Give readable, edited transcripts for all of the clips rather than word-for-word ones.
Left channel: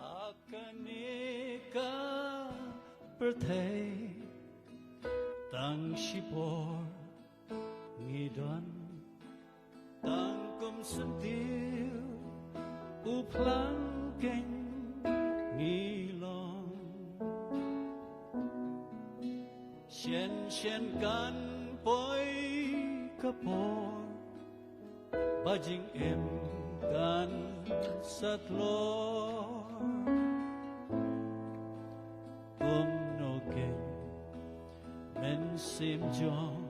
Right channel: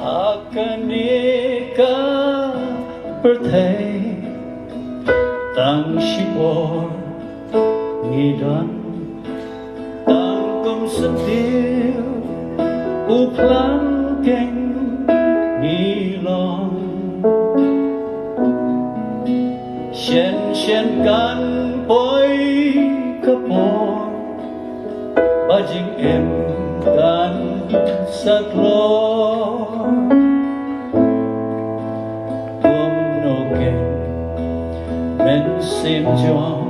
Akan nikah bertay tang sipor ngidan tang kum sedil uplang keng ngilong shen kan poi kapor bajing em kan saklor men sim jong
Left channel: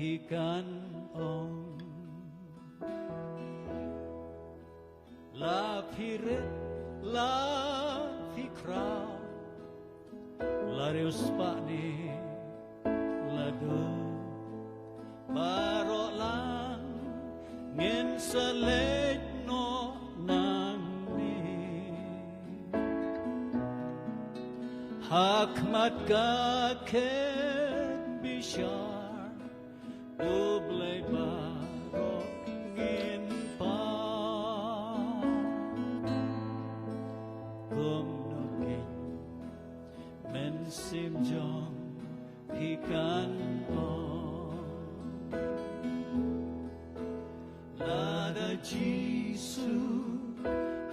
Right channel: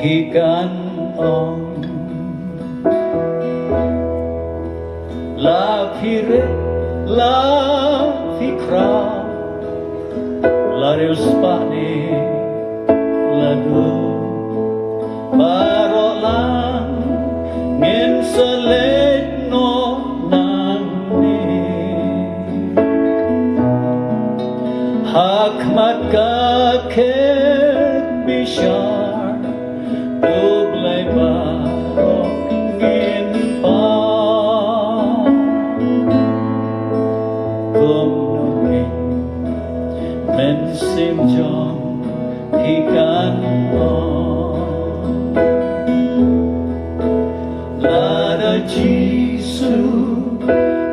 hi kan ong la pire la fikra la riuspani la du parolan ngin selet no nani hakmat kakek bishar dublai barok ngin pa kum nungin men sim jong ikan lada jisu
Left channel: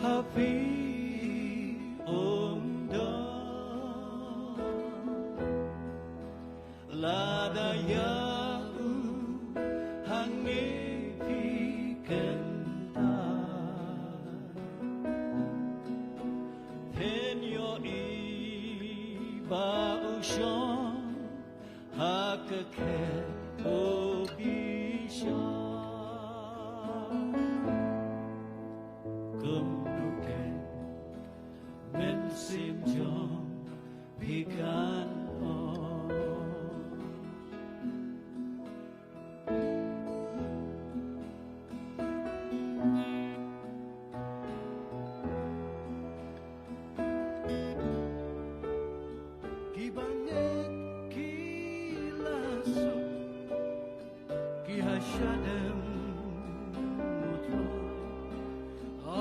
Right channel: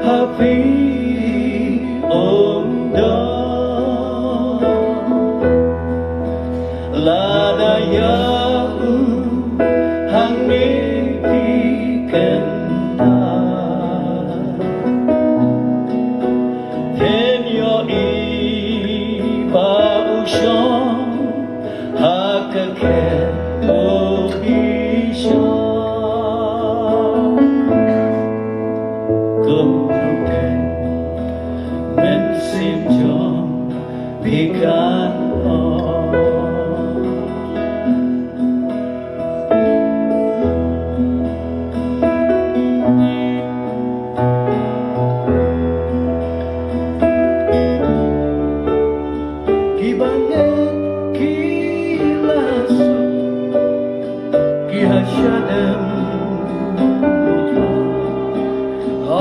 happy lada yahu hang mepi kenda ten yo i ba ushon hakake o ishon kum nuken men sim jong pikan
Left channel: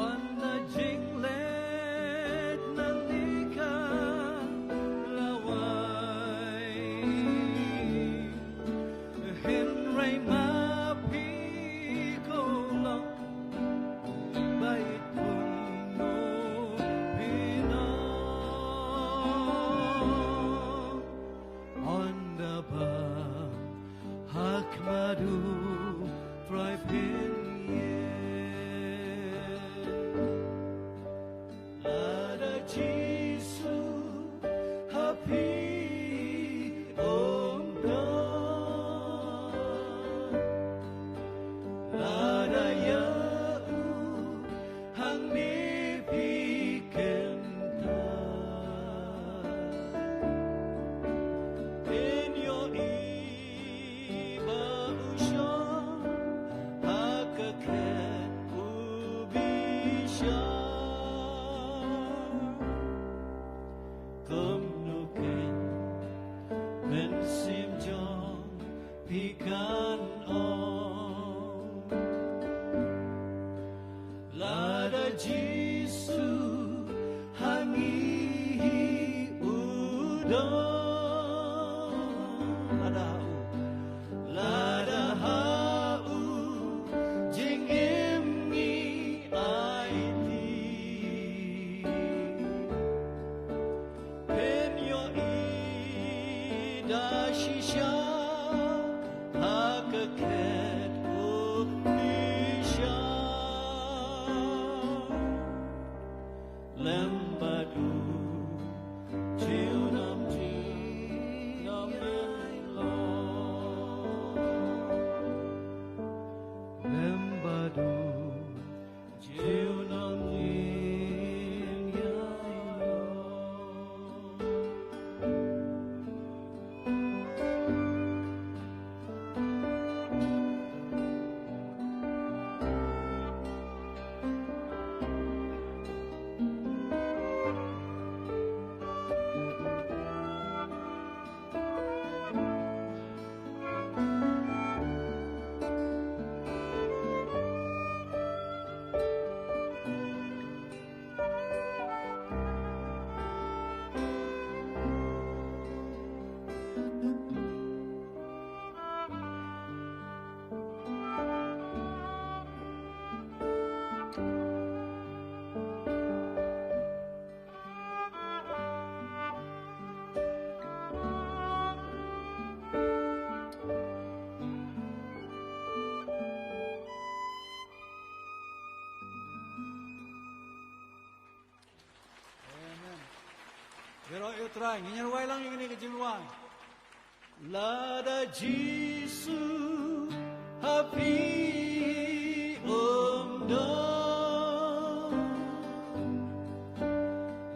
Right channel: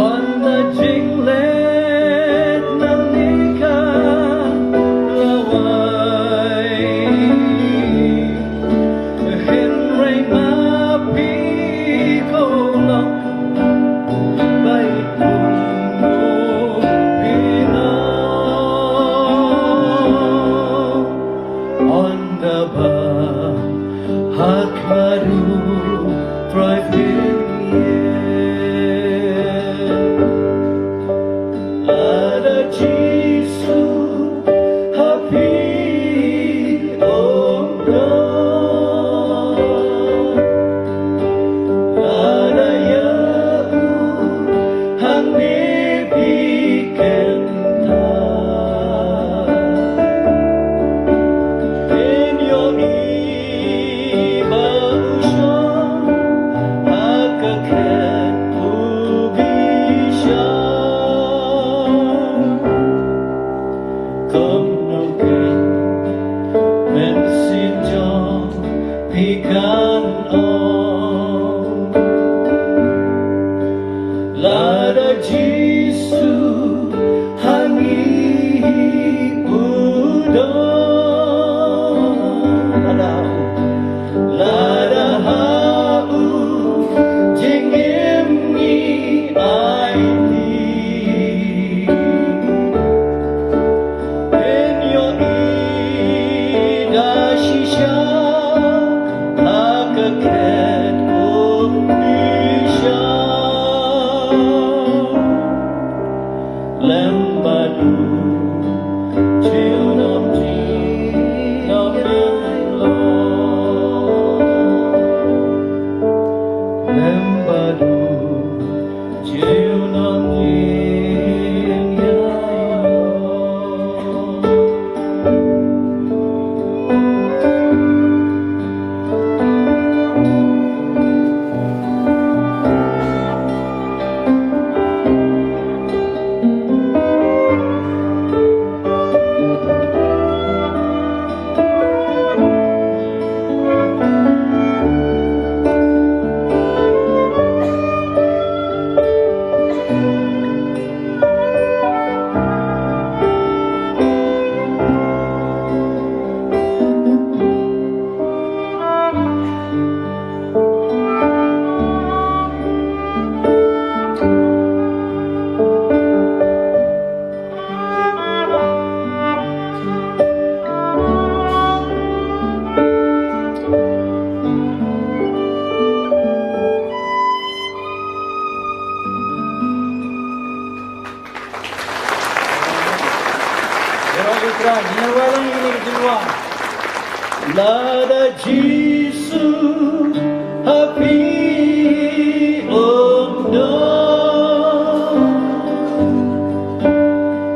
on the jinglet nanika lawai henry mapi kolok baik pun bina on the bar hak baru private in your Lada Jisu happy ono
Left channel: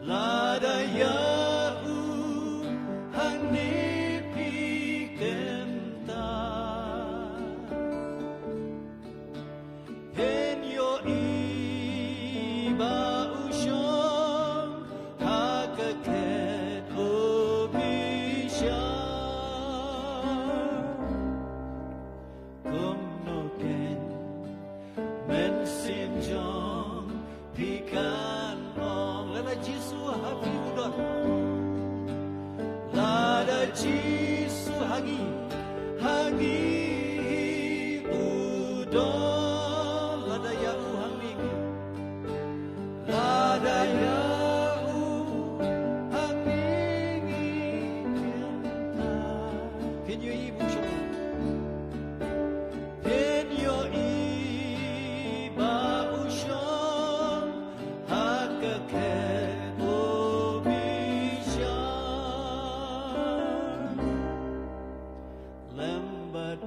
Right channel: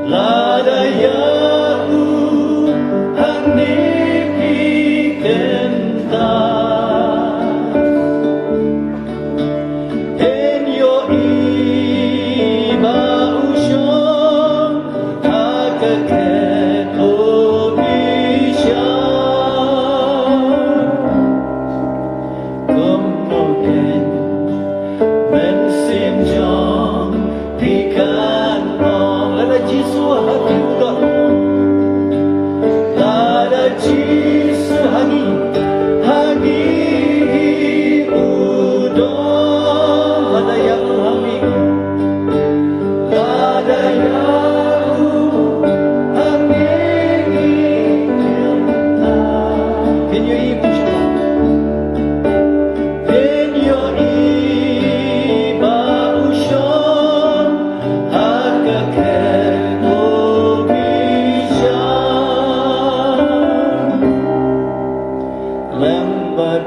Lada Yau hanipi kenta Enyo iba ushon hakaket obisha Gomnogen men sinjong pikan mong Lada Jisu hati udah Lada Jisu hangi udon Lada yang hangi Lada yang hangi kenta Kenyo ibu Enyo iba ushon hakaket obisha Lambat